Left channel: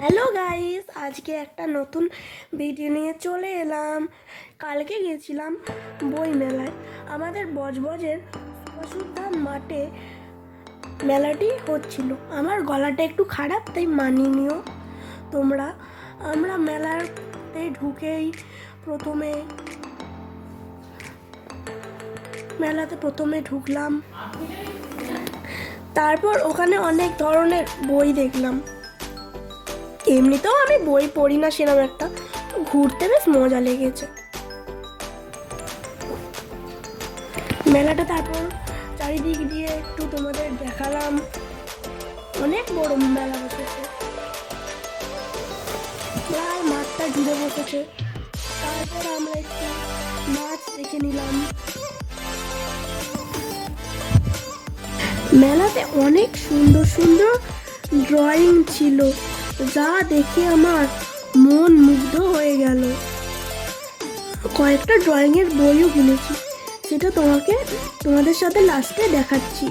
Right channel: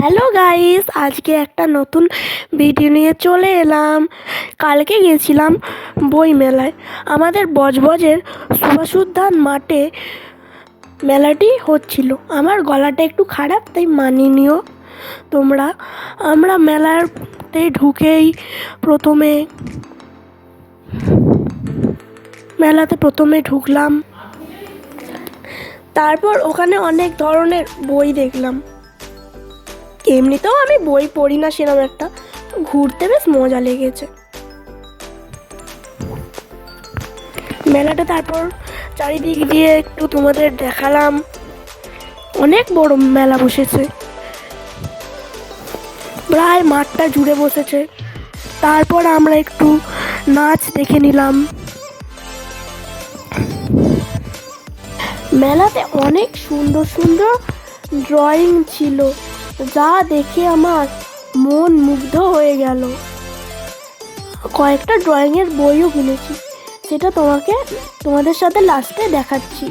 Hello guys, আজকে একটা নতুন ভিডিও নিয়ে চলে এলাম। কালকে গেছিলাম বই মেলায়। আমাদের বজবজের সুভাষ উদ্যান মাঠে মেলাটি হচ্ছিল। আমার গলাটা একটু খারাপ, তাই মানিয়ে নিও তোমরা। আমরা মেলাতে ঢুকেই প্রথমে ঢুকলাম। তারপর ওখানে অনেক ধরনের বই দেখলাম। এমনিতেও আমি বই পড়ি না সেরকম একটা, ঘুরতে বেশ মজা লেগেছে মেলাটা। তারপর চারিদিক দিয়ে একটু তোমাদের দেখালাম। অনেক বড় মেলা বসেছে, প্রায় মাঠটা জুড়ে বসেছে। তারপর আমরা একটু নাচ দেখে নিলাম। মেলাতে অনেক সুন্দর সুন্দর ড্রয়িং ছিল, যা দেখে আমার মন মুগ্ধ হয়ে গেল। কয়েকটা ড্রয়িংয়ের বইও কিনেছি, সেটা তোমাদের সাথে লাস্টে দেখাচ্ছি।